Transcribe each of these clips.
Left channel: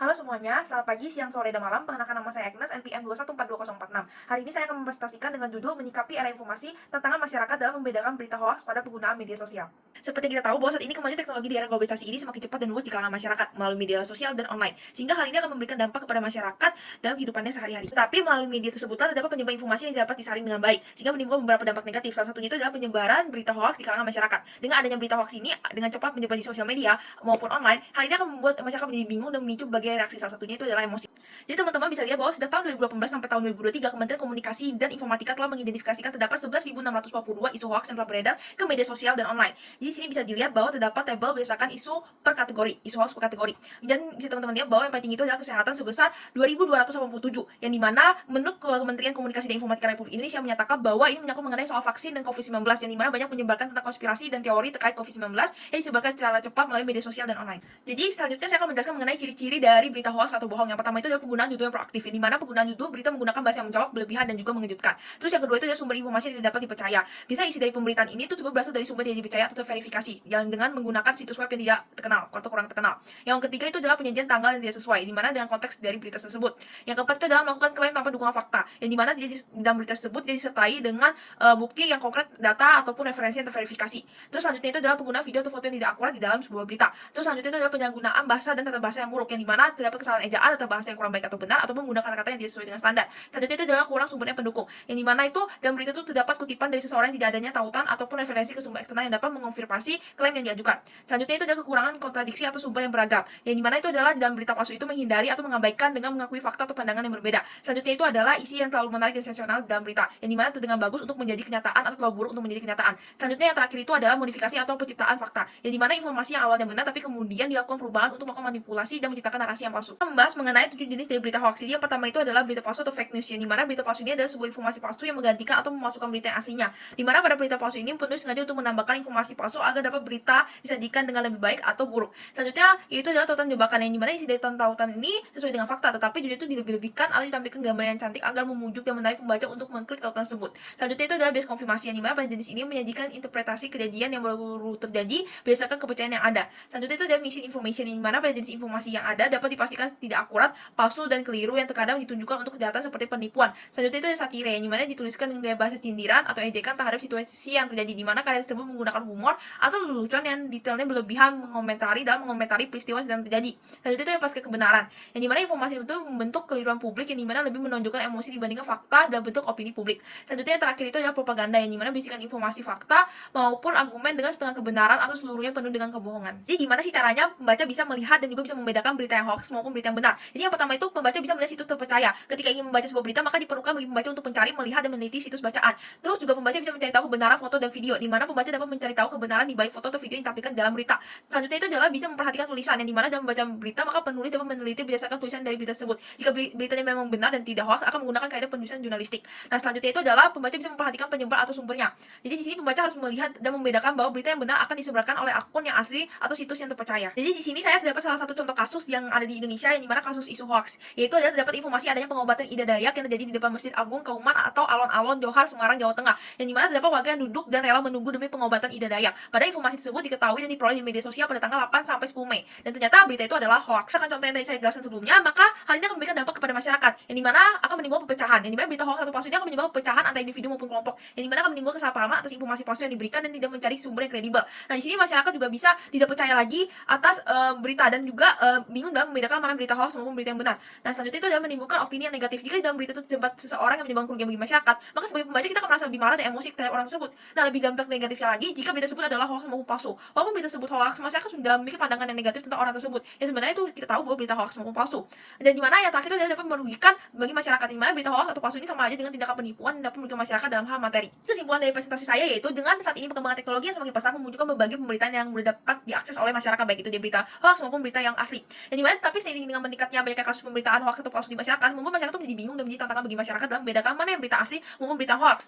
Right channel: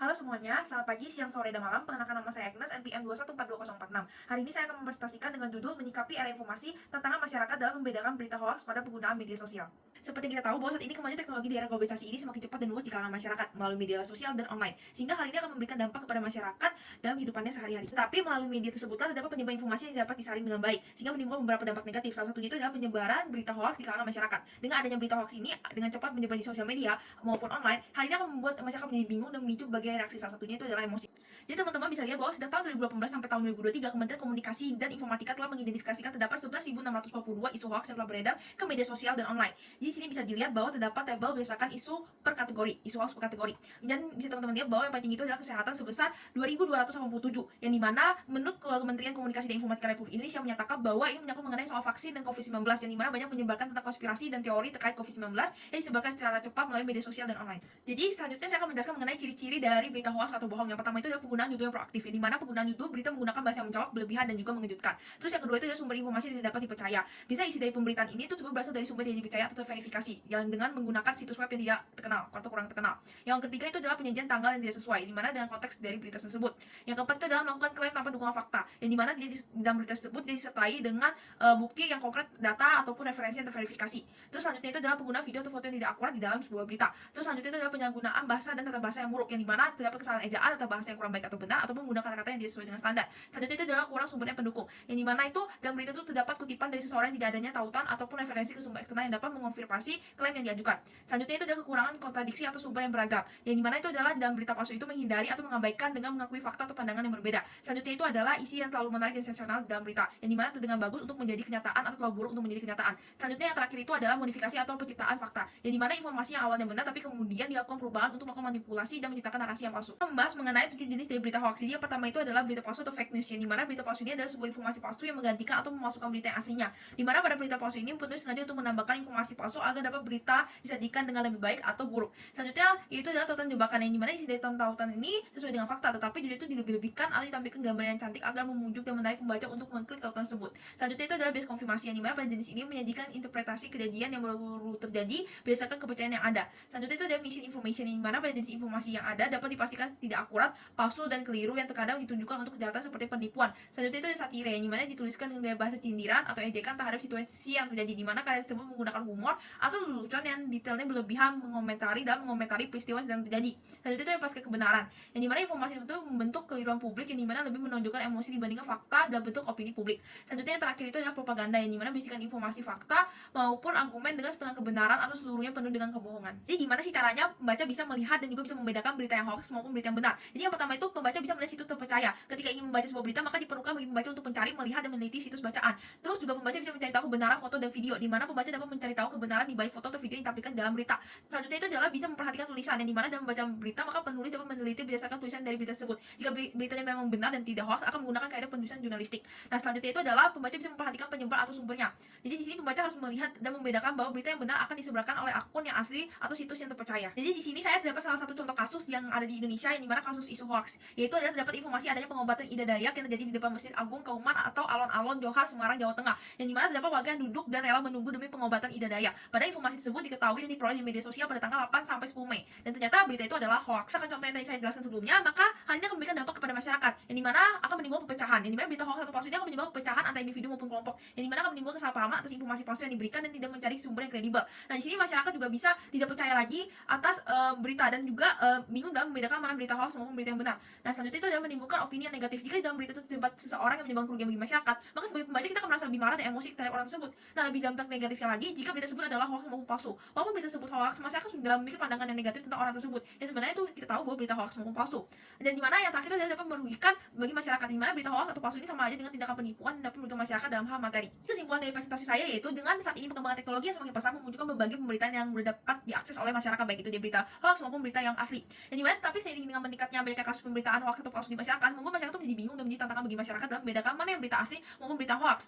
Halo semuanya, selamat pagi, siang, sore, dan malam. Perkenalkan nama saya Agnes, NPM 2142046. Hari ini saya akan mempresentasikan dengan judul Menyikapi Era Informasi, Tantangan Masyarakat dalam Membedakan Berita Hoaks pada Penggunaan Media Sosial. Seperti kita tahu bahwa saat ini kemajuan teknologi di era globalisasi ini semakin cepat dan luas di kalangan masyarakat melalui media sosial dan online, sehingga hal ini akan memberikan dampak kepada masyarakat dalam kehidupannya sehari-hari. Tetapi melalui media tersebutlah terdapat penyebaran informasi yang dapat disaring dengan baik, sehingga menimbulkan beberapa dampak negatif. Salah satunya itu adalah penyebaran berita hoaks di kalangan masyarakat. Dengan adanya berita hoaks ini dengan cepat menyebar di sosial media maupun online, hal ini akan membuat masyarakat menjadi bingung dan memicu berbagai reaksi. Salah satunya itu adalah emosi. Jadi teman-teman bisa lihat bahwa sejak tahun 2018 sampai tahun 2023, Kementerian Komunikasi dan Informatika telah mengidentifikasikan terdapat 11.642 isu hoaks yang telah beredar ke media sosial dan online. Jadi sini bisa dilihat bahwa terdapat tabel berdasarkan isu per kategori, isu hoaks per kategori. Dan bisa teman-teman lihat bahwa yang paling tinggi itu adalah kesehatan sebesar 2.287, yang dimana menurut Kementerian Komunikasi dan Informatika Republik Indonesia menyatakan bahwa ini menyangkut mengenai soal vaksin dan COVID-19, yang dimana banyak menyebarkan tentang konspirasi dan teori terkait COVID-19 yang disebarkan secara cepat melalui media sosial dan online. Jadi selanjutnya saya akan menjelaskan mengenai ciri-ciri dari berita hoaks atau bohong. Yang pertama itu adalah penggunaan judul yang proaktif, di mana penggunaan judul berita menggunakan bahasa yang menjawab, berlebihan, dan juga mengejutkan. Terus yang kedua itu adalah sumber informasi yang tidak dapat dipercaya. Bisa isi dari pemberitaan ini itu berasal dari sumber yang dipercaya atau terverifikasi, yang dengan menggunakan situs web yang tidak terkenal atau kurang terkenal. Yang ketiga itu adalah penyajian tanggal yang tidak sesuai, di mana dengan konteks dari berita tersebut. Yang keempat itu adalah melakukan klaim tanpa dukungan fakta, yang dimana dalam berita tersebut dia disertai dengan bukti yang konkret, data ataupun referensi yang terverifikasi. Terus selanjutnya itu adalah penggunaan video atau foto yang tidak akurat di dalam sebuah berita. Terus selanjutnya itu adalah penyalahgunaan bahasa dan tata bahasa yang buruk, yang dimana terdapat kesalahan ejaan atau bahasa yang kurang baik atau benar, ataupun menggunakan kata yang tidak sesuai dengan standar. Selanjutnya itu adalah kurang sumbernya pendukung, yang dimana itu dalam berita itu terdapat kutipan dari seseorang yang tidak adanya tautan ataupun referensi ke sumber eksternal yang dapat mengonfirmasi klaim yang diajukan. Selanjutnya itu adalah kekurangan kontradiksi atau sumber yang beragam, yang dimana itu adalah dalam berita palsu itu menghindari atau mengabaikan dengan mengakui fakta atau pandangan yang berbeda. Selanjutnya itu adalah isi yang terlalu menarik dan sensasional dalam berita, yang dimana terdengar bagus untuk menjadi kenyataan atau terlalu buruk untuk menjadi kenyataan. Selanjutnya yang terakhir itu adalah modifikasi atau penciptaan fakta, yang dimana informasi yang awalnya benar tapi kemudian dilakukan perubahan untuk melakukan manipulasi dan menciptakan narasi yang palsu. Kita membahas mengenai 7 jenis dari berita hoax. Jadi yang pertama itu adalah berita palsu atau fake news, yang dimana berita palsu ini adalah sebuah informasi palsu yang menggantikan atau memasukkan berita yang aslinya. Dimana pada berita palsu ini penulis sengaja untuk menambahkan informasi palsu agar dapat berita disajikan dengan lebih baik atau buruk. Selanjutnya itu adalah tautan jebakan, yang dimana isi dari tautan ini sesuai dengan fakta, tetapi judul itu dilebih-lebihkan atau ditampilkan gambar yang cantik agar memujuk dan menarik pembaca untuk mengklik tautan tersebut. Selanjutnya itu adalah bias konfirmasi, yang dimana pada jenis ini menyajikan interpretasi kejadian yang baru terjadi berdasarkan kepercayaan yang ada. Selanjutnya itu adalah misinformation, yang dimana pada jenis informasi yang ada dapat dipastikan tidak akurat, palsu, dan keliru, yang terkadang ditunjukkan untuk kejahatan seperti penipuan. Selanjutnya itu ada satire, yang dimana dituliskan dengan gaya bahasa sindiran atau ejekan terhadap situasi yang terjadi, di mana karya tersebut menggunakan humor atau lelucon yang detailnya berlebihan mengomentari peristiwa yang sedang terjadi. Selanjutnya itu yang pasca kebenaran, yang dimana informasi itu membentuk keliruan publik, yang dimana lebih menonjolkan emosi dibandingkan fakta dalam bentuk opini publik. Selanjutnya yang terakhir itu adalah propaganda, yang dimana berisikan informasi fakta maupun argumen dengan setengah kebenaran atau seluruhnya penuh dengan kebohongan. Jadi gimana sih caranya pembaca bisa melihat dan juga bisa membedakan berita yang hoax maupun berita yang benar? Jadi yang pertama itu pembaca bisa melihat situs terpercaya. Ketika ingin membaca sebuah berita, maka diperlukan bagi pembaca untuk mencari, melihat, dan meneliti situs bacaan. Terus juga pembaca bisa mencari tahu kebenaran foto dan video, di mana pembaca dapat mencari tahu kebenaran di balik foto atau video yang ditampilkan dalam berita. Selanjutnya itu adalah bisa memperhatikan tulisan, yang dimana dalam membaca berita maka penulis dapat meneliti berdasarkan tulisan dari berita tersebut. Jika beritanya memang benar dan tidak hoax, akan menggunakan kaidah penulisan jurnalistik. Nah, selanjutnya itu adalah pembaca bisa memperhatikan penyebab atau sumbernya. Jadi di sini pembaca harus melihat dan membedakan bahwa berita yang benar akan disebarkan oleh akun yang asli atau situs yang terpercaya. Jadi di sini saya terdapat salah satu contoh kasus yang ada di Indonesia, yang dimana kasus isu hoax, yaitu adalah terdapat informasi adanya pengobatan Ida Dayak yang terjadi di depan Masjid Agung Kauman atau Alon-Alon Johar, Semarang, Jawa Tengah, yang dimana terdapat warga yang duduk dan rela menunggu demi pengobatan Ida Dayak. Pada informasi tersebut diketahui dan diperoleh di media sosial pada tanggal 8 sampai 10 Mei, dan ternyata berita itu adalah hoax. Akan contoh yang tadi saya jelaskan sebelumnya, maka hal ini akan memberikan dampak kepada masyarakat, yang dimana akan menimbulkan perpecahan, yang dimana berita hoax atau palsu ini akan menyebabkan perpecahan antara individu maupun kelompok, yang dimana akan menimbulkan kesalahpahaman atas informasi palsu yang diberikan dan tidak mencari sumber yang kredibel. Nah, di sini masyarakat juga bisa tidak percaya lagi atas berita, dan juga bingung dalam membedakan mana berita hoax maupun berita yang benar. Nah, selanjutnya itu adalah menimbulkan opini yang negatif. Jika dalam berita itu terdapat seseorang yang menyebabkan kerugian bagi masyarakat, maka sebagai pembaca kita akan merasa lebih marah dan emosi terhadap orang tersebut. Nah, lebih dampak negatifnya lagi jika berita tersebut adalah hoax maupun palsu. Walaupun berita tersebut hoax, masyarakat sudah memiliki pandangan yang negatif tentang orang tersebut. Yang sebenarnya itu kita tahu bahwa berita hoax maupun palsu. Dan di mana yang terakhir itu adalah dapat merugikan bagi masyarakat, di mana berita hoax atau palsu ini sama aja dengan tindakan penipuan dan dapat merugikan masyarakat dalam hal materi. Kesimpulan dari presentasi saya yaitu dengan saat ini perkembangan teknologi yang semakin pesat memunculkan berbagai pemberitaan yang mudah dapat diakses oleh masyarakat, baik itu di berita hoax maupun berita yang asli. Yang dimana tapi seiring dengan meningkatnya banyaknya kasus pemberitaan hoax atau palsu di masyarakat, membuat masyarakat itu menjadi bingung dan menjadi tantangan bagi masyarakat dalam membedakan mana yang berita asli maupun berita hoax.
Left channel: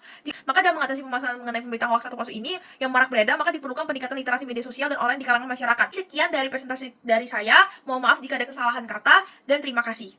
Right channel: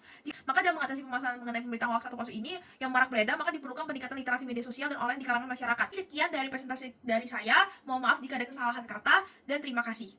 Maka dalam mengatasi permasalahan mengenai pemberitaan hoax atau palsu ini yang marak beredar, maka diperlukan peningkatan literasi media sosial dan online di kalangan masyarakat. Sekian dari presentasi dari saya. Mohon maaf jika ada kesalahan kata, dan terima kasih.